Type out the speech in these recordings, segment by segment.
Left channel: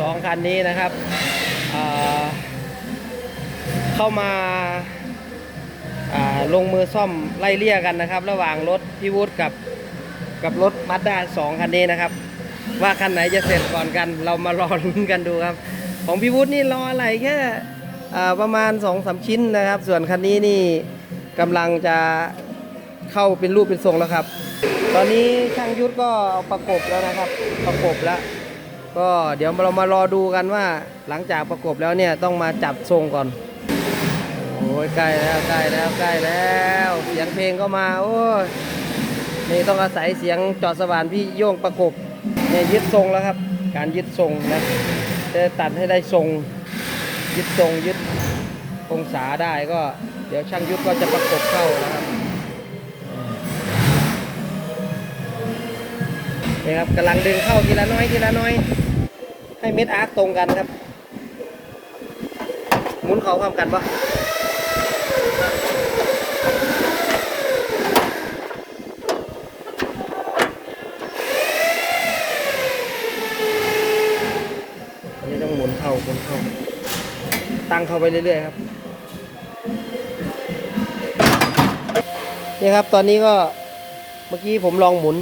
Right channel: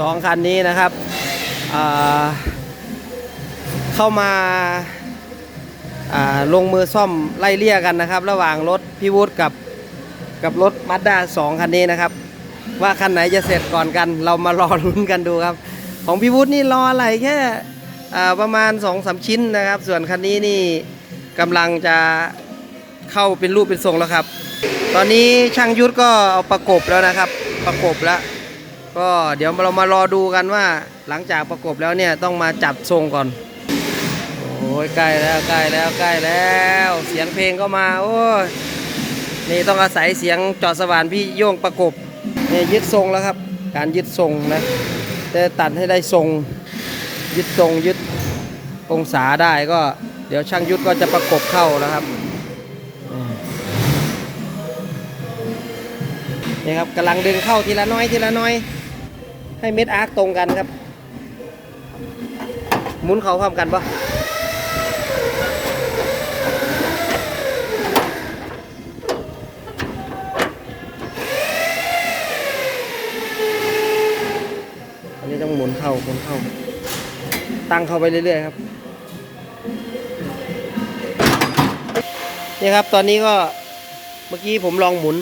สองคันนี้นะครับเข้ามาาลงมือซ่อมไล่เลี่ยกันนะครับ ระหว่างรถพี่วุฒกับกับรถมาด้าสองคันนี้นะครับ ว่าคันไหนจะเสร็จก่อนกัน เรามารอลุ้นกันดูครับ ของพี่วุฒนี่รออะไรแค่ประมาณ2อสชิ้นนะครับ ส่วนคันนี้นี่กำลังจะเข้าเป็นรูปเป็นทรงแล้วครับ ตอนนี้ช่างยุทธก็เอาประกบแล้วนะครับ ประกบแล้ว ก็เดี๋ยวเรามารอดูกันว่าหลังจากประกบแล้วเนี่ยต้องมาจับทรงก่อน โอ้ยใกล้แล้วใกล้แล้วใกล้แล้ว เสียงเพลงก็มา โอ้ยนี่ต้องอาศัยเสียงจอดสว่านพี่โย่งประกบนี่ยึดทรงแล้วครับ การยึดทรงนะจะตัดให้ได้ทรงยึดทรงยึดองศาได้ก็ เดี๋ยวช่างยุทธก็จะประกบเข้าแล้วครับนี่ครับกำลังดึงเข้าทีละน้อยทีละน้อย ให้เม็ดอาร์คตรงกันครับ หมุนเขาพร้อมกันปะอันนี้ต้องหมุนเข้าหมุนเข้า ตั้งเข้าไปเรื่อยๆครับ นี่ครับตอนนี้ก็เมื่อกี้ผมลองหมุน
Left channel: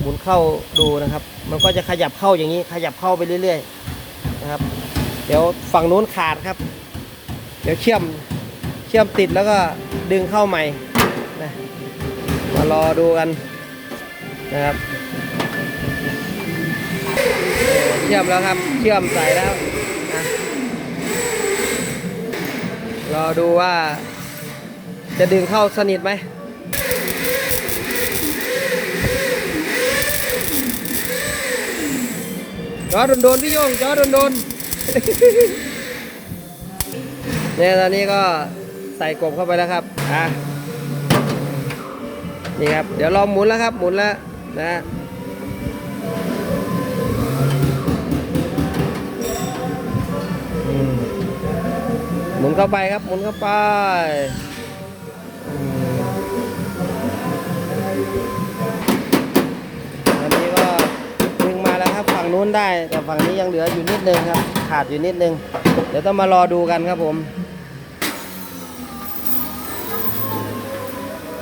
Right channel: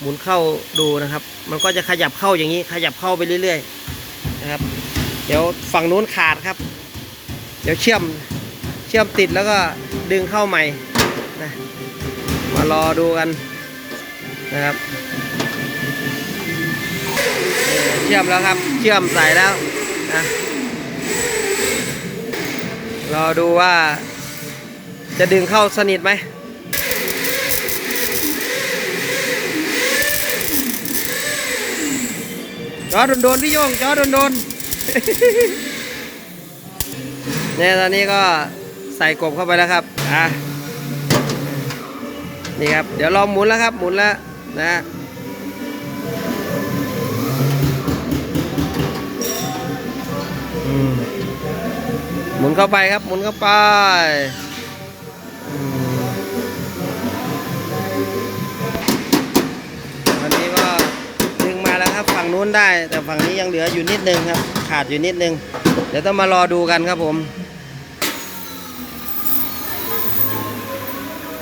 หมุนเข้าดูนะครับ มันก็จะขยับเข้าอย่างนี้ขยับเข้าไปเรื่อยๆนะครับ เดี๋ยวฝั่งนู้นขาดครับ เดี๋ยวเชื่อมเชื่อมติดแล้วก็ดึงเข้าใหม่นะมารอดูกันนะครับเอ่อเชื่อมแล้วครับ เชื่อมใส่แล้วนะรอดูว่าจะดึงเข้าสนิทไหม จอโดนๆพี่โยงจอโดนๆเนี่ยตอนนี้ก็ใส่กบเข้าไปแล้วครับอะนี่ครับ เดี๋ยวลองหมุนแล้วครับ หมุนแล้วนะหมุนเข้าไปครับ หมุนเข้าไป ฝั่งนู้นได้ แต่ฝั่งนี้ยังเหลืออยู่นิดนึงครับ ขาดอยู่นิดนึง เดี๋ยวต้องมารอดูกันครับผม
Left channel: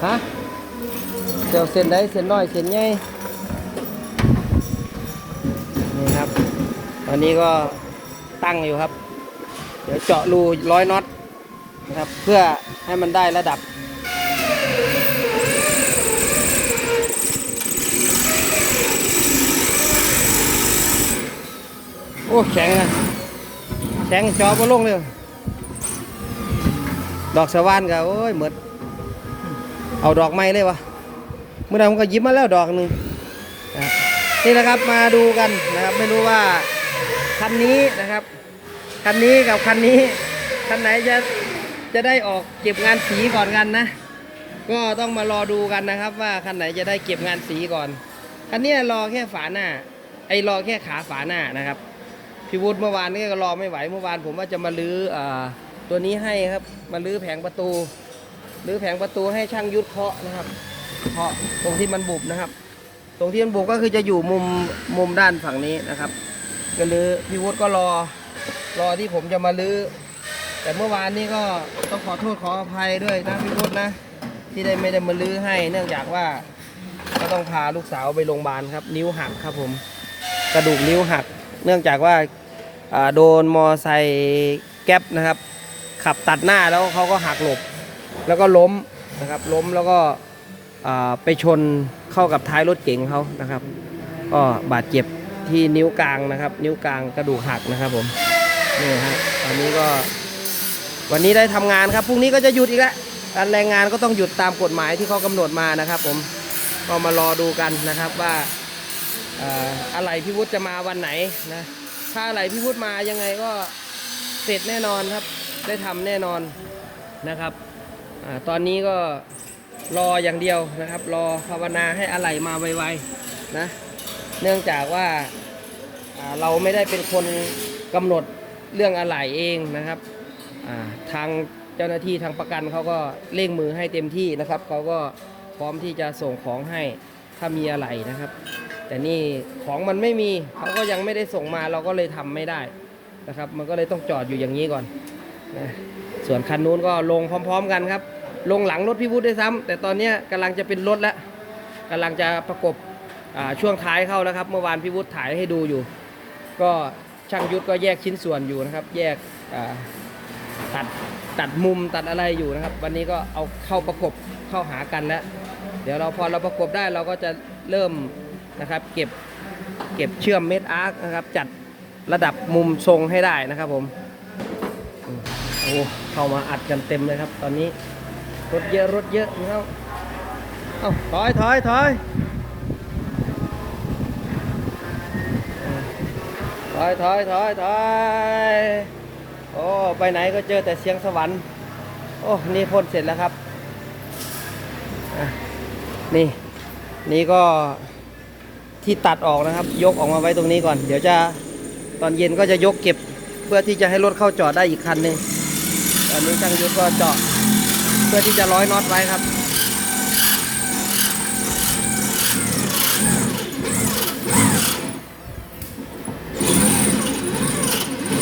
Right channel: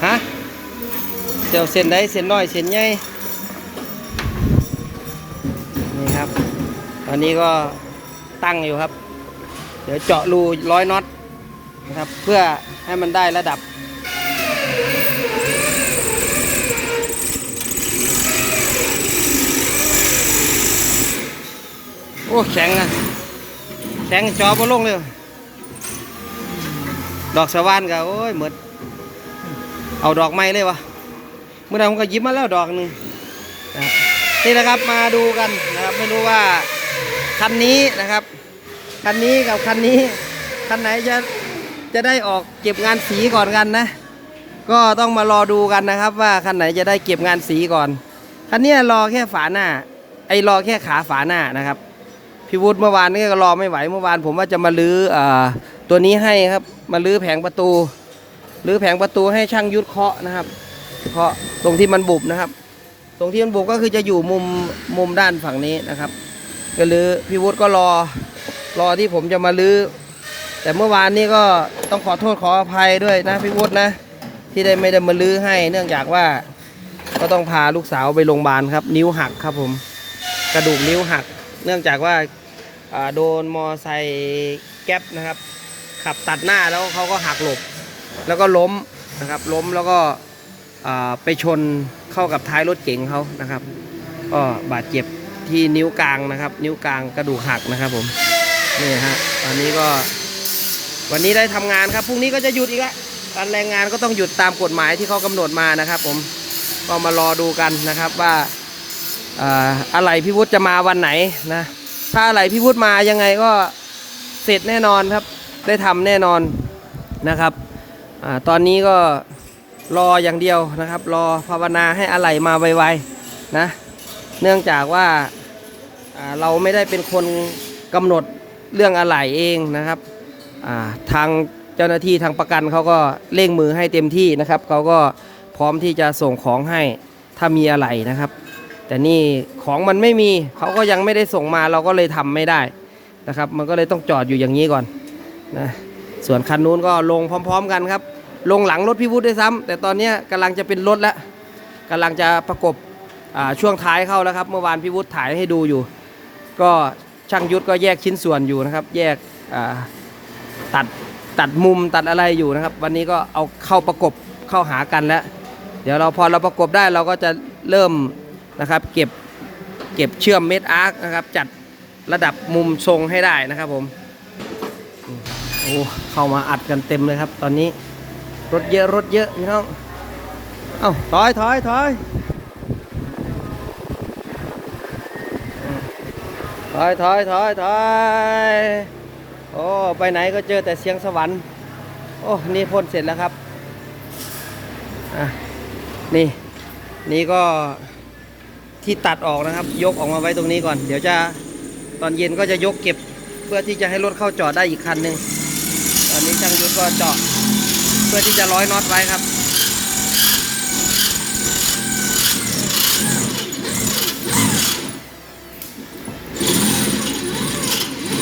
ฮะเดี๋ยวเส้นใดเส้นน้อยเส้นใหญ่นี่ครับ ตอนนี้ก็ตั้งอยู่ครับ เดี๋ยวเจาะรูร้อยน็อตนะครับ เพื่อให้มันได้ระดับ โอ้แข็งอะแข็งจอบ่ลงเลย ดอกสว่านก็โอ้ยเหมือนเอาดอกไม้เลยวะเมื่อไหร่ผมก็ยิบมาแล้วดอกหนึ่งนี่นะครับมาดูกันนะครับไม่รู้ว่าคันนี้นะครับคันนี้กับคันนี้คันไหนจะจะได้ออกเก็บงานสีก่อนกันนะ ก็ต้องมารอดูกันนะครับ ว่าคันไหนจะได้เก็บงานสีก่อนคันนี้รอแค่ฝาหน้า ไอ้รอแค่ขาฝาหน้านะครับ พี่วุฒิเมื่อวานนี้ก็รอไม่ไหวเมื่อวานผมว่าจะมาลื้ออตัวนี้ให้ครับ มาลื้อแผงประตูหรือแผงประตูให้ช่างยุทธเคาะนะครับเคาะตรงที่มันบุบนะครับ ตรงที่มันบุบก็คือจะอยู่มุมมุมด้านฝั่งนี้นะครับก็ลื้อพี่วุฒิก็รอรอที่ผมจะมาลื้อแต่เมื่อวานนี้ก็ต้องขอโทษขออภัยด้วยนะพี่วุฒินะ ที่ได้ไม่ได้มาลื้อให้ เนื่องจากว่าก็ต้องพาลูกสาวไปโรงพยาบาลครับ นิ้วหักครับผม กระดูกนิ้วหัก เนื่องจากว่าโดนมอไซค์แก๊ปนะครับ ขับตัดหน้าแล้วเขาก็หักหลบ แล้วก็ล้มนะครับ ล้มแล้วก็ไปชนเข้ากับท้ายรถเก๋งเขานะครับ ก็บาดเจ็บที่นิ้วกลางนะครับ นิ้วกลางกระดูกหักนะครับผมนี่ฮะตอนนี้ก็วันนี้ได้ทำงานครับพรุ่งนี้ก็จะหยุดอีกแล้วการแรงงานก็ต้องหยุดตามกฎหมายที่เขากำหนดมานะครับ ผมก็มารอดูกันนะครับว่า อะไรพี่วุฒิจะมาวันไหนนะ ถ้าอะไรพี่วุฒิมายังไงก็เสร็จแน่นอนครับ ได้ทำแน่นอนนะครับอตอนนี้ก็รออย่างเดียวนะครับ รอภาวนาให้อะไหลมาไวๆนะ เนื่องจากว่าเราไม่ได้เป็นคนกำหนดเรื่องอะไหล่เองนะครับาทางเจ้าหน้าที่ทางประกันเขาก็เร่งมือให้เต็มที่นะครับเขาก็พร้อมที่จะส่งของให้ถ้ามีอะไหล่นะครับ แต่นี่ของมันไม่มีเขาก็ยังไม่ได้ส่งมาเราก็เลยทำไม่ได้นะครับ มันก็เลยต้องจอดอยู่อย่างนี้ก่อนนะส่วนคันนู้นก็ลงพร้อม ๆ กันครับ ลงหลังรถพี่วุฒิด้วยซ้ำแต่ตอนนี้ยกำลังจะเป็นรถแล้วกำลังจะประกบช่วงท้ายเข้าแล้วครับ เมื่อวานพี่วุฒิถ่ายให้ดูอยู่ ก็ช่างยุทธก็แยกชิ้นส่วนอยู่นะครับ แยกตัดตัดมุมตัดอะไรอยู่นะครับ วันนี้ก็เอาเข้าประกบเข้าหากันแล้ว เดี๋ยวเราพอเราประกบได้เราก็จะเริ่ม นะครับ เก็บเก็บเชื่อมเม็ดอาร์คนะครับ จัดระดับมุมทรงให้ได้นะครับผมโอ้เข้ามาอัดกันเต็มเลยครับ ตอนนี้รถเยอะรถเยอะพี่น้องเอ้าถอยถอยถอยถอยถอยถอยถอยโอ้ไปไหนก็เจอแต่เสียงสวรรค์โอ้นี่พ่นเสร็จแล้วครับนี่นี่ก็ ที่ตัดออกนะครับ ยกออกมาไว้ตรงนี้ก่อน เดี๋ยวจะตอนเย็นก็จะยกเก็บเพื่อที่จะให้รถเข้าจอดได้อีกคันหนึ่งตอนนี้ช่างยุทธก็เจาะเพื่อที่จะร้อยน็อตไว้ครับ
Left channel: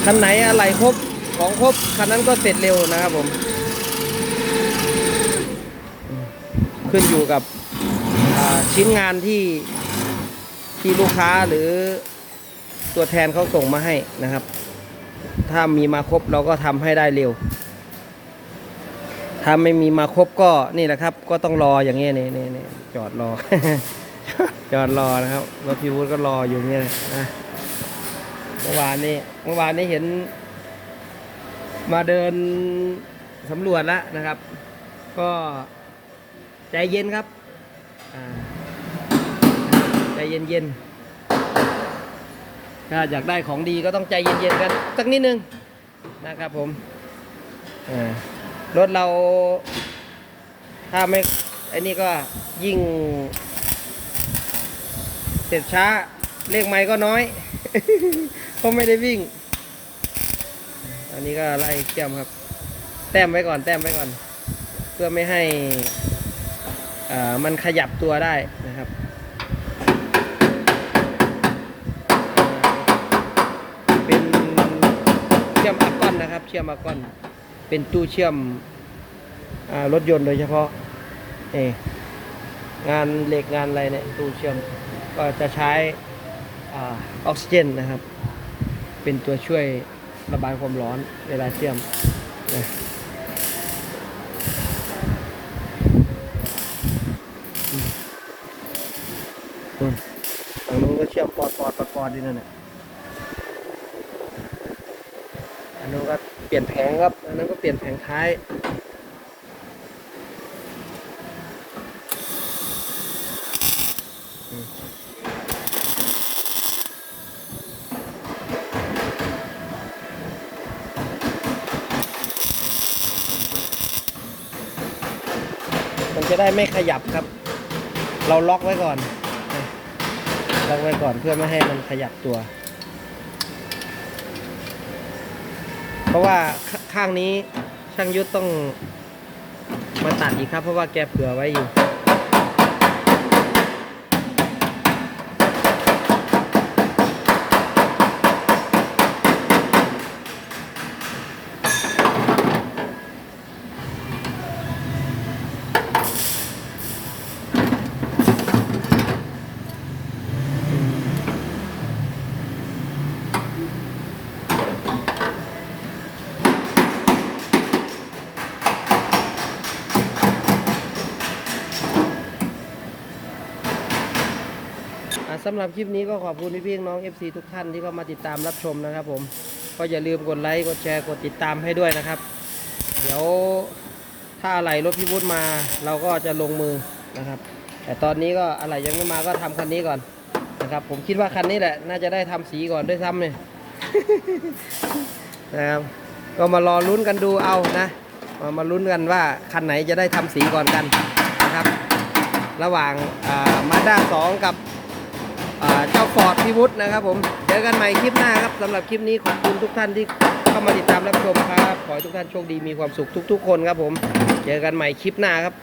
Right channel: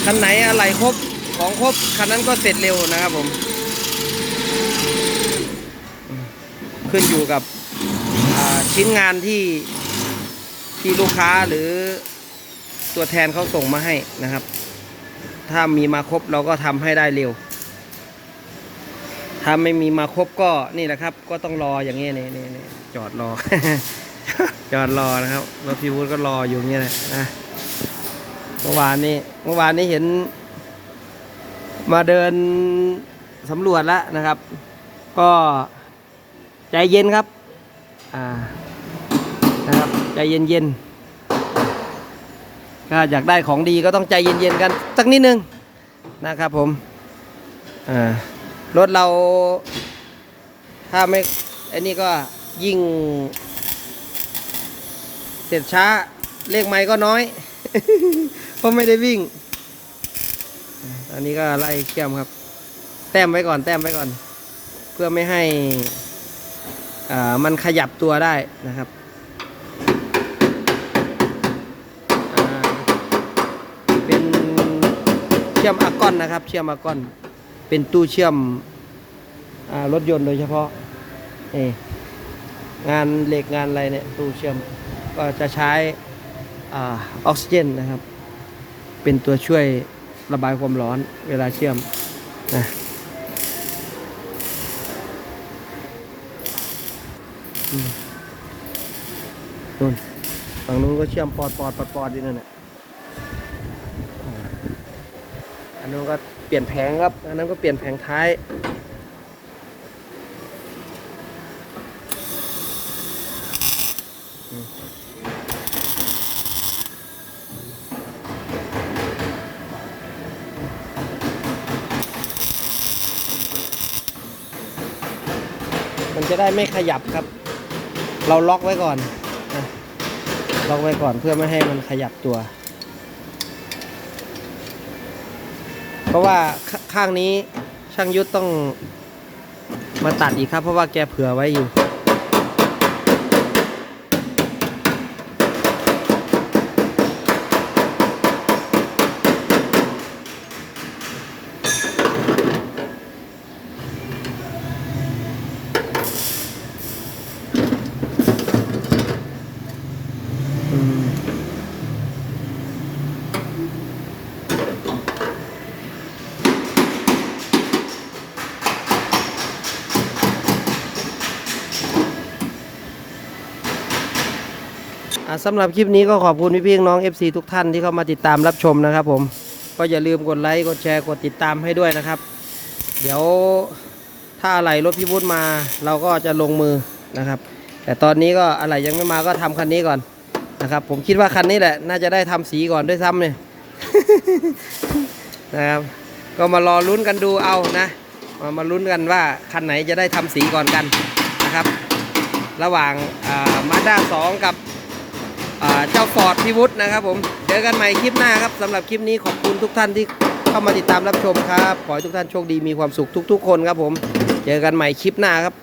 คันไหนอะไรครบของครบคันนั้นก็เสร็จเร็วนะครับผม ขึ้นอยู่กับชิ้นงานที่ ที่ลูกค้าหรือตัวแทนเขาส่งมาให้นะครับ ถ้ามีมาครบเราก็ทำให้ได้เร็ว ถ้าไม่มีมาครบก็นี่แหละครับ ก็ต้องรออย่างนี้นี่นี่นี่จอดรอ จอดรอนะครับรถพี่วุฒิก็รออยู่อย่างนี้แหละนะเมื่อวานนี้เมื่อวานนี้เห็น มาเดินสำรวจแล้วนะครับ ก็ใจเย็นครับ อ่า ใจเย็นๆก็อยากได้ของดีก็ต้องใจเย็นๆกันสักนิดนึงนะครับผมรถเรา ถ้าไม่ไอ้นี่ก็ยิ่ง เสร็จช้าเลขไม้ก็น้อยเพราะไม่ได้วิ่ง อันนี้ก็ไล่เชื่อมครับ แต้มไว้ก่อน แต้มไว้ก่อน เพื่อไม่ให้มันขยับตัวได้นะครับอ่าเป็นเชื่อมอากอ นะครับ เชื่อมอากอน เป็นตู้เชื่อมอรถยนต์โดยเฉพาะเองานเหล็กงานอะไรเนี่ยตู้เชื่อมก็จะใช้ออกซิเจนนะครับ เป็นตัวช่วยระบายความร้อนเวลาเชื่อมนะนู่นฝั่งนู้นก็เชื่อมปอดปอดปอดปอดอยู่นั่นแหละ อันนู้นก็เปลี่ยนแผงครับ อันนั้นก็เปลี่ยนแผงท้ายมันจะได้ไม่ขยับครับ เราล็อกไว้ก่อน ล็อกไว้ก่อนเพื่อไม่ให้มันขยับตัว เพ ราะว่าข้างนี้ช่างยุทธต้องมาตัดอีกครับ เพราะว่าแกเผื่อไว้อยู่ สำหรับคลิปนี้ก็ขอบคุณพี่พี่น้อง FC ทุกท่านที่เข้ามาติดตามรับชมนะครับผมก็อย่าลืมกดไลค์กดแชร์กดติดตามให้ด้วยนะครับ เดี๋ยวถ้าอะไรรถพี่วุฒิมาเราก็จะลงมือนะครับ แต่ตอนนี้ก็อะไรยังไม่มาก็ทำคันนี้ก่อนนะครับ ผมคิดว่าคันนี้แหละ น่าจะได้ทำสีก่อนด้วยซ้ำเนี่ยนะครับ ก็มารอลุ้นกันดูเอานะมามาลุ้นกันว่าคันไหนจะได้ทำสีก่อนกันนะครับ ระหว่างมาด้าสองกับ เจ้าฟอร์ดพิวุฒนะครับผม เจอกันใหม่คลิปหน้าครับสำหรับคลิปนี้ขอบคุณทุกท่านที่เข้ามาติดตามรับชมครับ ขอให้ทุกท่านโชคดีมีความสุขทุก ๆ คนครับผม เจอกันใหม่คลิปหน้าครับ